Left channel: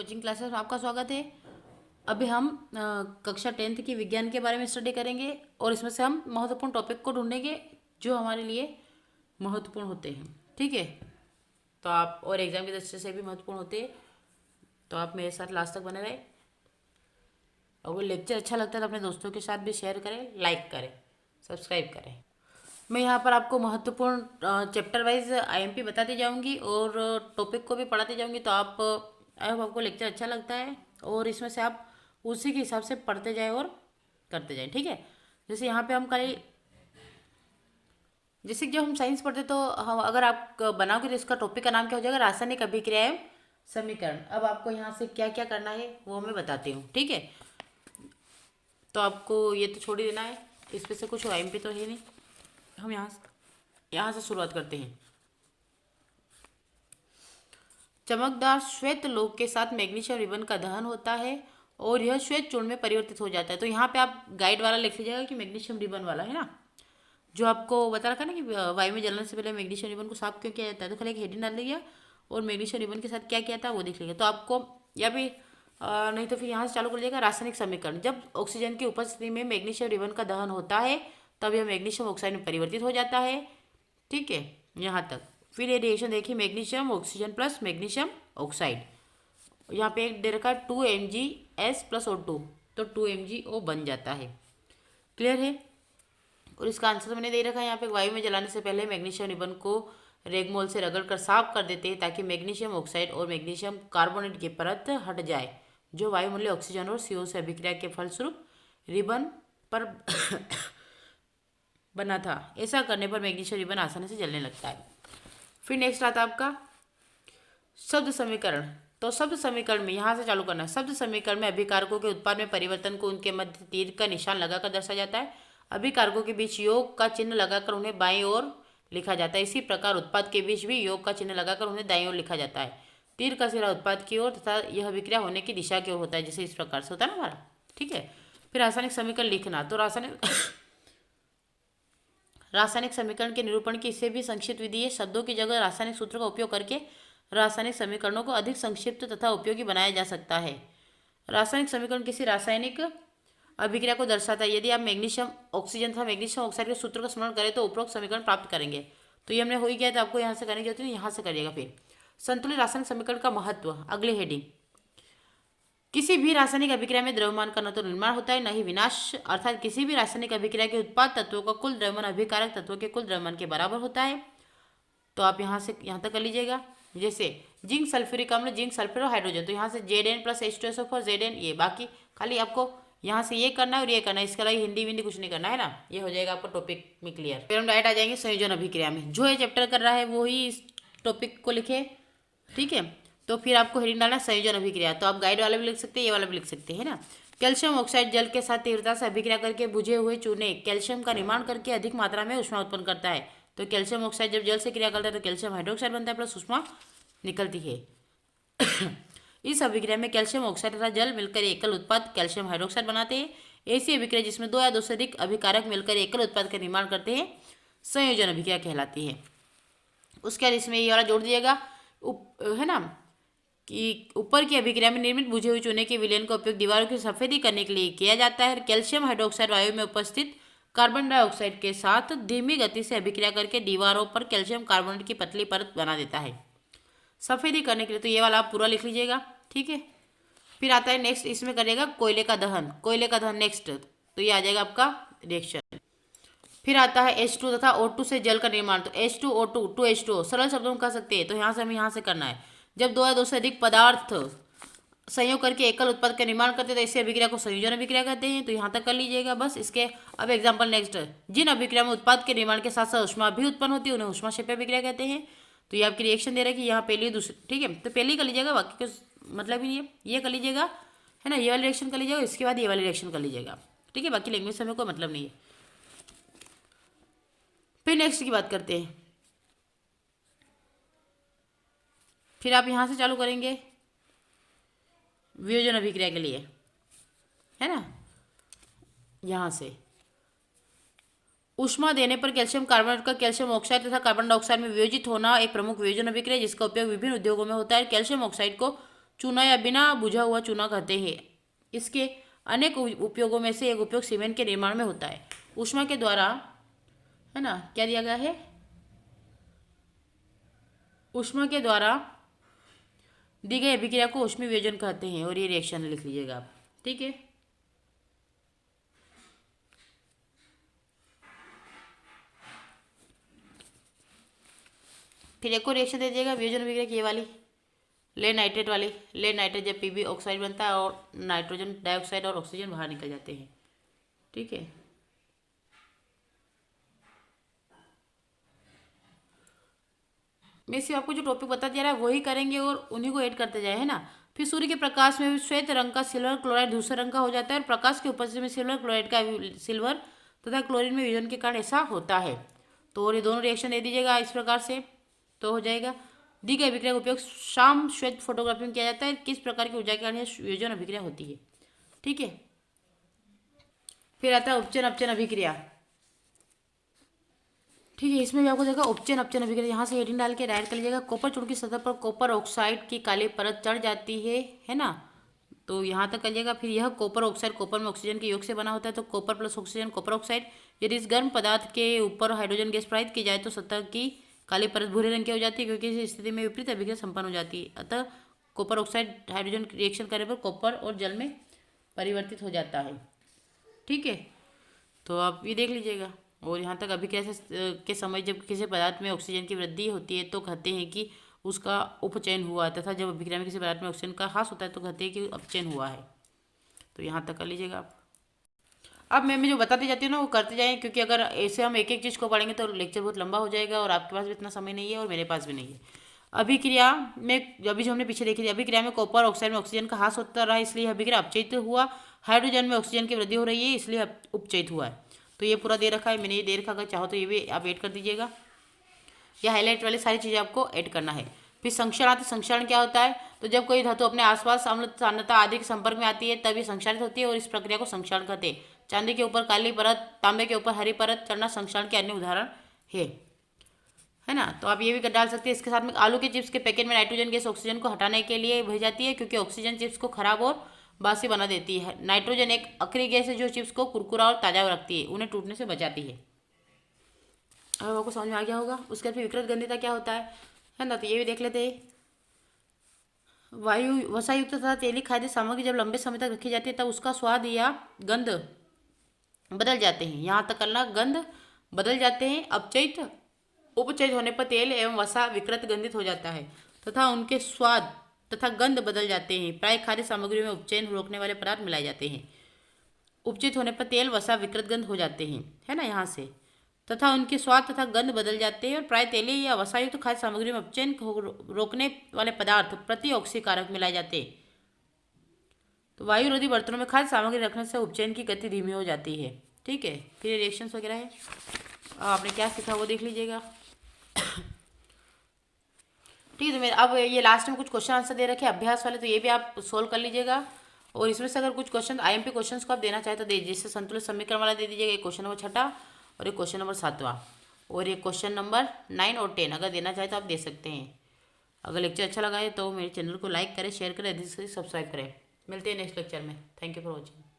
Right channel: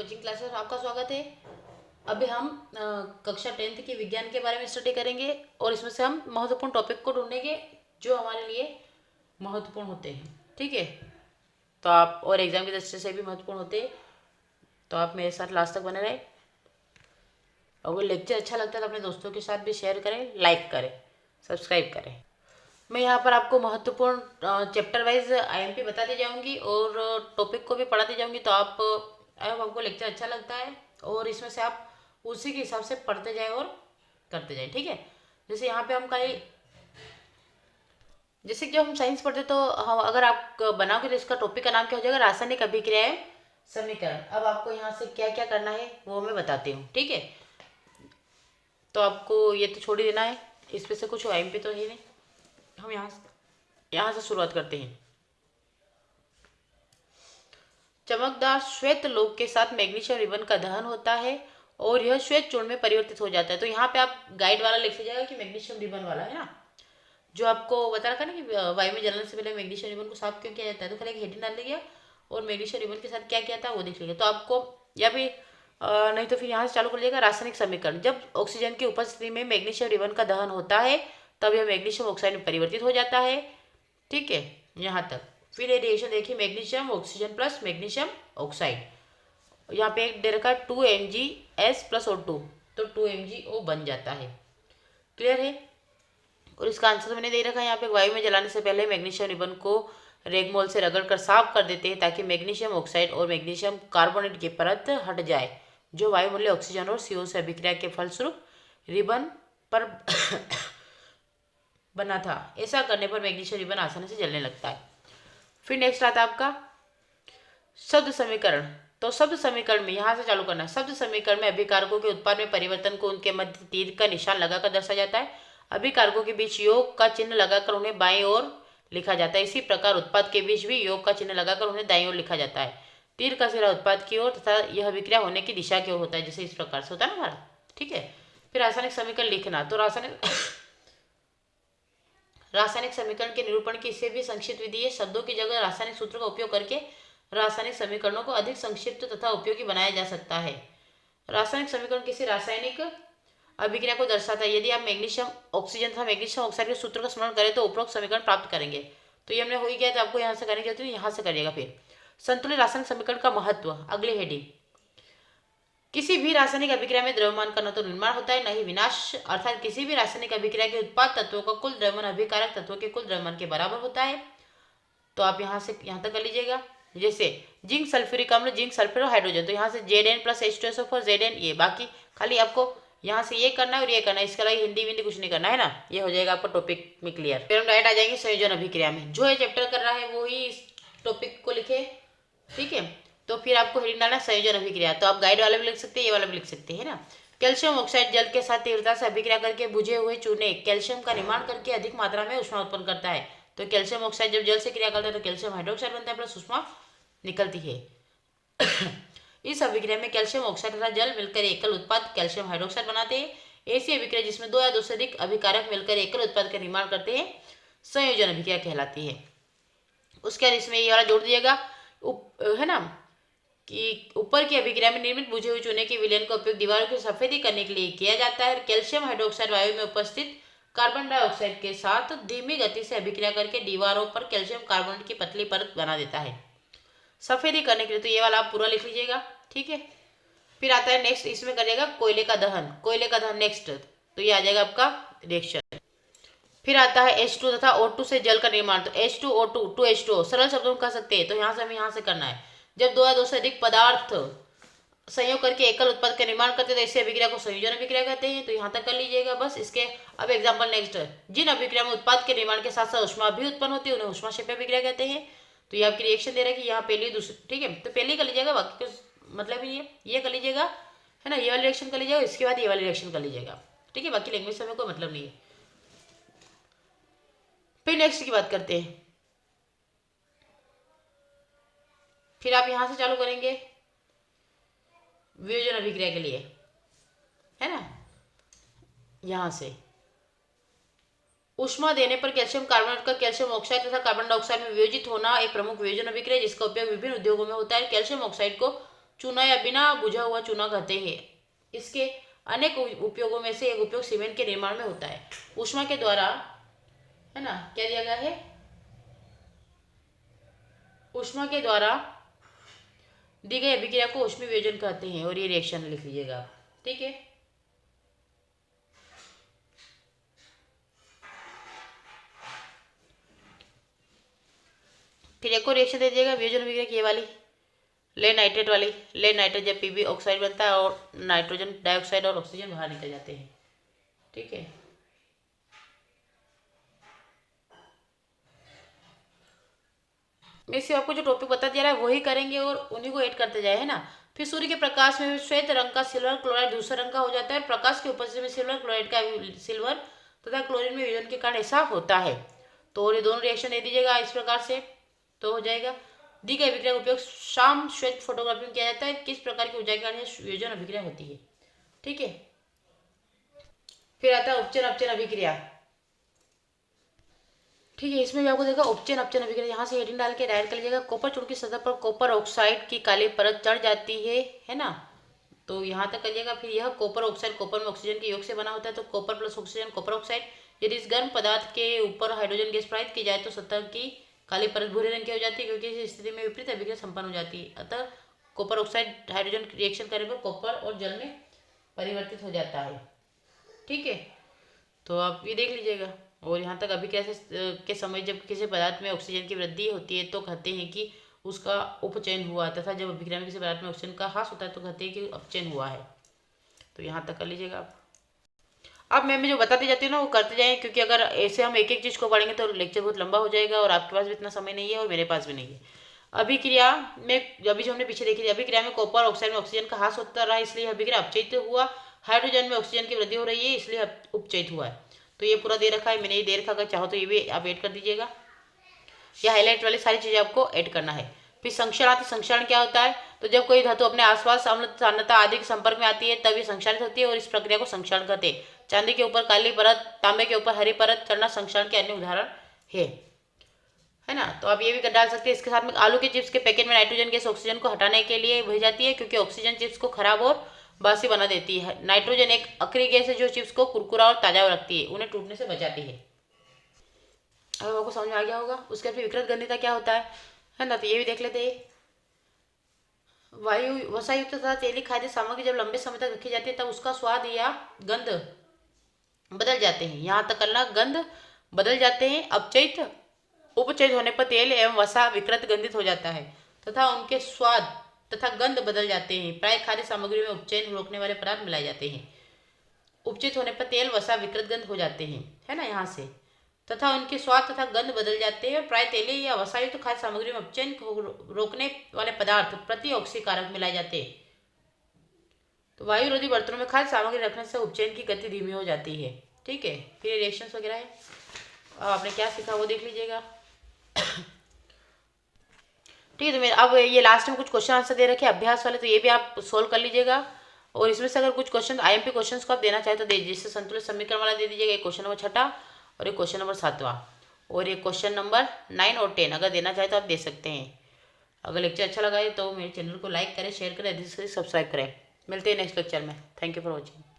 Coaching classes में आपका स्वागत है। अभी हम कक्षा 10th की विज्ञान के बारे में स्टडी करेंगे और इसमें से हम महत्वपूर्ण टॉपिक को ढूंढेंगे जो हमारे लिए महत्वपूर्ण होते हैं। ठीक है, तो आप और एग्जाम की दृष्टि से भी महत्वपूर्ण होते हैं, तो आप मेरे साथ लास्ट तक बने रहे। अगर लेक्चर अच्छा लगता है तो अपने दोस्तों के साथ भी शेयर करें, लाइक करें, सब्सक्राइब करें। मैं यहाँ पर आपको महत्वपूर्ण चैप्टर वाइज आईएमपी बताती जाऊँगी और टॉपिक को भी पढ़ाती जाऊँगी। तो आपको लेक्चर अच्छा लगता है और इसमें से आप उसी के हिसाब से पढ़ते जाए और करते जाए। ठीक है, जैसे यहाँ पे हम कल जैसे कि जब हम साइंस पढ़ते तो हम अगर आप बनाओगे तो इसका टॉपिक का नाम क्या हो जाएगा, रासायनिक अभिक्रियाएं समीकरण। अब आपको यहाँ से क्या क्या करना है वो मैं बताती हूँ। ठीक है, तो आपको ये तो छोड़ ही देना है, इस पे से कुछ आईएमपी तो है नहीं। हम यहाँ से शुरुआत करते हैं। चमकदार श्वेत लोह के साथ मैग्नीशियम रिबन का दहन होता है और यह श्वेत चूर्ण में परिवर्तित हो जाता है। तो यहाँ पे आप गाइड वाला लिख लीजिएगा कि मैग्नीशियम रिबन वाला है ना, जो आपको बता रखा ना कि वायु में जलने से पहले मैग्नीशियम रिबन को साफ क्यों किया जाता है। तो खाली एक हेडिंग डाल लीजिए और मैग्नीशियम रिबन के साथ क्या किया था वो देख लीजिए। तो आपको या भी नहीं तो फिर यहाँ से चालू कर लीजिएगा। रासायनिक समीकरण, जब ऑक्सीजन की उपस्थिति में मैग्नीशियम रिबन का दहन होता है तब यह मैग्नीशियम ऑक्साइड में परिवर्तित हो जाता है। ठीक है, यहाँ तक। फिर ये रिएक्शन देखिए, magnesium oxygen plus magnesium oxide, यहाँ पे एक दे रखा है 2MgS प्लस O2, तो 2MgO बन जाता है। क्लियर है। और इसका आंसर मैंने दे रखा है यहाँ पे, वायु में जलाने से पहले मैग्नीशियम रिबन को रेगमोल से रगड़ कर साफ कर देते हैं ताकि मैग्नीशियम ऑक्साइड और मैग्नीशियम कार्बोनेट की परत हट जाए जो वायुमंडलीय ऑक्सीजन और CO से अभिक्रिया के फलस्वरूप रिबन पर बना था। ऐसा करने पर मैग्नीशियम रिबन आसानी से जलने लगता है। फिर नेक्स्ट आता है आपका शब्द समीकरण। तो शब्द समीकरण में यहाँ से चालू करना है। शब्द समीकरण में अभिकारकों के उत्पाद में परिवर्तन को उनके मध्य तीर का निशान लगाकर दर्शाया जाता है। अभिकारकों के बीच योग का चिन्ह लगाकर उन्हें बाईं ओर लिखा जाता है। इसी प्रकार उत्पाद के बीच भी योग का चिन्ह लगाकर उन्हें दाईं ओर लिखा जाता है। तीर का सिरा उत्पाद की ओर तथा यह अभिक्रिया होने की दिशा की ओर होता है, जैसे इस प्रकार से होता है ना हमारा। ठीक है, फिर रासायनिक समीकरण लिखना। तो रासायनिक समीकरण के निरूपण की इससे भी संक्षिप्त विधि है। शब्दों की जगह रासायनिक सूत्र का उपयोग करके रासायनिक समीकरणों को अधिक संक्षिप्त तथा उपयोगी बनाया जा सकता है। रासायनिक समीकरण किसी रासायनिक अभिक्रिया को दर्शाता है। यदि आप मैग्नीशियम ऑक्सीजन तथा मैग्नीशियम ऑक्साइड के सूत्र का स्मरण करें तो उपरोक्त समीकरण प्राप्त करेंगे। तो ये हमने हो ही गया, तो आपको यहाँ से करनी चाहती हूँ, यहाँ से करिएगा। फिर संतुलित रासायनिक समीकरण का महत्व, अगली हेडिंग। किसी भी रासायनिक अभिक्रिया में द्रव्यमान का न तो निर्माण होता है न ही विनाश, अर्थात किसी भी रासायनिक अभिक्रिया के उत्पाद तत्वों का कुल द्रव्यमान अभिकारक तत्वों के कुल द्रव्यमान के बराबर होता है। तो आप यहाँ से यहाँ तक कर लीजिएगा। जैसे जिंक सल्फ्यूरिक अम्ल, जिंक सल्फेट और हाइड्रोजन, तो यहाँ से Zn प्लस H2SO4 Zn, ये बाकी खाली आपको यहाँ से ये करना है और ये करना है, इसके अलावा हिंदी विंदी कुछ नहीं करना है ना। ये हो जाएगा आपका टॉपिक में क्लियर। फिर हम डायरेक्ट आ जाएंगे संयोजन अभिक्रिया में। जो ये चैप्टर कर रहा है वो ही इस टॉपिक को लिखे। ठीक है, तो फिर आपको हेडिंग डालना संयोजन अभिक्रिया। तो आप गाइड वाला भी लिख सकते हैं, ये वाला भी लिख सकते हैं ना। कैल्शियम ऑक्साइड जल के साथ तीव्रता से अभिक्रिया करके बुझे हुए चूने कैल्शियम का निर्माण करके अधिक मात्रा में ऊष्मा उत्पन्न करता है। तो कैल्शियम ऑक्साइड जब जल से क्रिया करता है तो कैल्शियम हाइड्रोक्साइड बनता है प्लस ऊष्मा निकलती है। इस अभिक्रिया में कैल्शियम ऑक्साइड तथा जल मिलकर एकल उत्पाद कैल्शियम हाइड्रोक्साइड बनाते हैं। ऐसी अभिक्रिया जिसमें दो या दो से अधिक अभिकारक मिलकर एकल उत्पाद का निर्माण करते हैं संयोजन अभिक्रिया कहलाती है। उसके बाद इसमें ये वाला जोड़ दिएगा, है ना, कि ऊपर की अभिक्रिया में निर्मित बुझे हुए चूने के विलयन का उपयोग दीवारों की सफेदी करने के लिए किया जाता है। कैल्शियम हाइड्रोक्साइड वायु में उपस्थित कार्बन डाइऑक्साइड के साथ धीमी गति से अभिक्रिया करके दीवारों पर कैल्शियम कार्बोनेट की पतली परत बना देता है सफेदी करने के लिए। तो ये वाला आप पूरा लिख लीजिएगा। ठीक है, फिर आता है नेक्स्ट, इसमें करिएगा कोयले का दहन। कोयले का दहन नेक्स्ट, तो ये आ जाएगा आपका रिएक्शन। फिर आता है H2 तथा O2 से जल का निर्माण। तो H2O2 2H2O सरल शब्दों में कह सकते हैं। तो यहाँ से हमें यहाँ से करना है, जब दो या दो से अधिक पदार्थ संयोग करके एकल उत्पाद का निर्माण करते हैं तो ऐसी अभिक्रिया को संयोजन अभिक्रिया कहते हैं। तो यहाँ तक कर लीजिएगा बस। इसके अब एग्जाम्पल नेक्स्ट, जिन अभिक्रिया में उत्पाद के निर्माण के साथ साथ ऊष्मा भी उत्पन्न होती है उन्हें ऊष्मा क्षेपी अभिक्रिया कहते हैं। तो ये आपकी रिएक्शन दे रहा है कि यहाँ पहली दूसरी, ठीक है, तो पहली कर लीजिएगा, बाकी का मतलब ही नहीं है। ये कर लीजिएगा, है ना, ये वाली रिएक्शन कर लीजिएगा, इसके बाद ये वाली रिएक्शन कर लीजिएगा। ठीक है, बाकी लैंग्वेज से हमें कोई मतलब नहीं है। फिर नेक्स्ट की बात करते हैं। फिर आप यहाँ से चालू करेंगे वियोजन अभिक्रिया के लिए, है ना। यहाँ से ऊष्मा देने पर कैल्शियम कार्बोनेट का कैल्शियम ऑक्साइड तथा कार्बन डाइऑक्साइड में वियोजित होना एक प्रमुख वियोजन अभिक्रिया जिसका उपयोग विभिन्न उद्योगों में होता है। कैल्शियम ऑक्साइड को चूना या बिना बुझा हुआ चूना कहते हैं। इसके अनेक उपयोगों में से एक उपयोग सीमेंट के निर्माण में होता है। ऊष्मा के द्वारा, है ना, क्या दिया गया है, ऊष्मा के द्वारा दी गई अभिक्रिया को ऊष्मीय वियोजन कहते हैं। और ये रिएक्शन लिख लीजिएगा आप, ठीक है। फिर एक और रिएक्शन दे दीजिएगा वियोजन अभिक्रिया की, ये वाली लेड नाइट्रेट वाली। लेड नाइट्रेट जब पीबी ऑक्साइड बनता है और नाइट्रोजन डाइऑक्साइड और ऑक्सीजन बाहर निकल जाते हैं, ठीक है। मैं सिर्फ आपको जो टॉपिक बता दिया रहा है वही करेंगे और उन्हीं को ऐड करते जाए, है ना। फिर सूर्य के प्रकाश में श्वेत रंग का सिल्वर क्लोराइड दूसरा रंग का हो जाता है और प्रकाश की उपस्थिति में सिल्वर क्लोराइड का सिल्वर तथा क्लोरीन में वियोजन के कारण ऐसा होता है। तो ये दोनों रिएक्शन दे दीजिएगा इस प्रकार से, तो हो जाएगा। दी गई अभिक्रिया का उपयोग शाम श्वेत फोटोग्राफी में किया जाता है। किस प्रकार की ऊर्जा के कारण वियोजन अभिक्रिया होती है, ठीक है। फिर आता है उपचयन अपचयन अभिक्रिया, ठीक है। इसमें भी आपको देखा उपचयन अपचयन अभिक्रिया, यहाँ से हेडिंग डाल के राइट कर लीजिएगा। कॉपर चूर्ण की सतह पर कॉपर ऑक्साइड की काली परत चढ़ जाती है ना, तो यहाँ तक करिएगा। फिर यह कॉपर ऑक्साइड कॉपर में ऑक्सीजन के योग से बना होता है, तो copper plus oxygen copper oxide. यदि इस गर्म पदार्थ के ऊपर हाइड्रोजन गैस प्रवाहित की जाए तो सतह की काली परत भूरे रंग की हो जाती है, क्योंकि इस स्थिति में विपरीत अभिक्रिया संपन्न हो जाती है। अतः कॉपर ऑक्साइड हाइड्रोजन रिएक्शन करने पर कॉपर और जल में परिवर्तित हो जाता है, ठीक है। तो आप ये देख लीजिएगा। और यहाँ तक अभिक्रिया के समय जब किसी पदार्थ में ऑक्सीजन की वृद्धि होती है तो कहते हैं कि उसका उपचयन हुआ, तथा जब अभिक्रिया में किसी पदार्थ में ऑक्सीजन का ह्रास होता है तो कहते हैं कि अपचयन हुआ है। तो यहाँ तक कर लीजिएगा आप। अब मैं जो बताती जाती हूँ ना वो करते जाएँ, क्योंकि अगर ऐसे हम एक एक चीज़ को पढ़ेंगे तो लेक्चर बहुत लंबा हो जाएगा और आपके पास भी इतना समय नहीं है और मेरे पास भी नहीं है। अभिक्रिया में अभी जो हमने पीछे देखी थी, अभिक्रिया में कॉपर ऑक्साइड में ऑक्सीजन का ह्रास होता रहा, इसलिए अभिक्रिया अपचयित हुआ। हाइड्रोजन में ऑक्सीजन की वृद्धि हो रही है, इसलिए उपचयित हुआ है। तो ये पूरा दे रखा है, मैंने ये दे रखा, अगर चाहो तो ये भी आप ऐड कर दीजिएगा। ये हाईलाइट वाली सारी चीज़ें आपको ऐड करना है। फिर संक्षारण आती है। संक्षारण क्या होता है, तो जब कोई धातु अपने आसपास अम्ल सान्द्रता आदि के संपर्क में आती है तब ये संक्षारित होती है और इस प्रक्रिया को संक्षारण कहते हैं। चांदी के ऊपर काली परत, तांबे के ऊपर हरी परत चढ़ना संक्षारण के अन्य उदाहरण है ना। तो आप ये भी डाल सकते हैं। इसके साथ में आलू के चिप्स के पैकेट में नाइट्रोजन गैस ऑक्सीजन को हटाने के लिए भेज जाती है, क्योंकि ऑक्सीजन चिप्स को खराब और बासी बना देती है। नाइट्रोजन एक अक्रिय गैस है जो चिप्स को कुरकुरा और ताजा रखती है, उन्हें टूटने से बचाती है। अब आपको समझ में आ गया होगा। उसके बाद फिर विकृत गंधिता क्या होता है ना, तो ये भी देख लेते हैं। वायु वसायुक्त तथा तेली खाद्य सामग्री जब लंबे समय तक रखी जाती है तब उसका स्वाद या गंध बदल जाते हैं। यहाँ तक करना, गंध बदल जाते हैं। अपचयित उपचयित होने पर तेल एवं वसा विकृत गंधित हो जाता है तथा उनके स्वाद तथा गंध बदल जाते हैं। प्राय खाद्य सामग्री में उपचयन रोकने वाले पदार्थ मिलाए जाते हैं। उपचयित होने पर तेल वसा विकृत गंध हो जाते हैं, है ना, यहाँ से, तथा उनके स्वाद तथा गंध बदल जाते हैं। प्राय तेलीय या वसायुक्त खाद्य सामग्री में उपचयन को रोकने वाले पदार्थ प्रतिऑक्सी कारक मिलाए जाते हैं। तो वायुरोधी बर्तनों में खाद्य सामग्री रखने से उपचयन की गति धीमी हो जाती है, ठीक है। फिर रिएक्शंस वगैरह है, आपने क्या सीखा वो देख लीजिएगा, ठीक है। तो मेरे अब ये लास्ट में कुछ क्वेश्चन आंसर दे रखे अभ्यास वाले, तो ये भी आप सोल्व कर लीजिएगा। और इसमें से अगर कुछ क्वेश्चन आईएमपी क्वेश्चंस को आप देना चाहे तो दे दीजिए। जैसे संतुलित समीकरण वाला दे दीजिएगा, एक क्वेश्चन नंबर 6 और एक क्वेश्चन नंबर 7 और एक क्वेश्चन नंबर 9 और 10 अगर देना चाहे तो आप दे सकते हैं। अगर लेक्चर अच्छा लगा है तो मेरे चैनल को लाइक करें, शेयर करें, सब्सक्राइब करें। मिलते हैं नेक्स्ट लेक्चर में। Thank you for watching.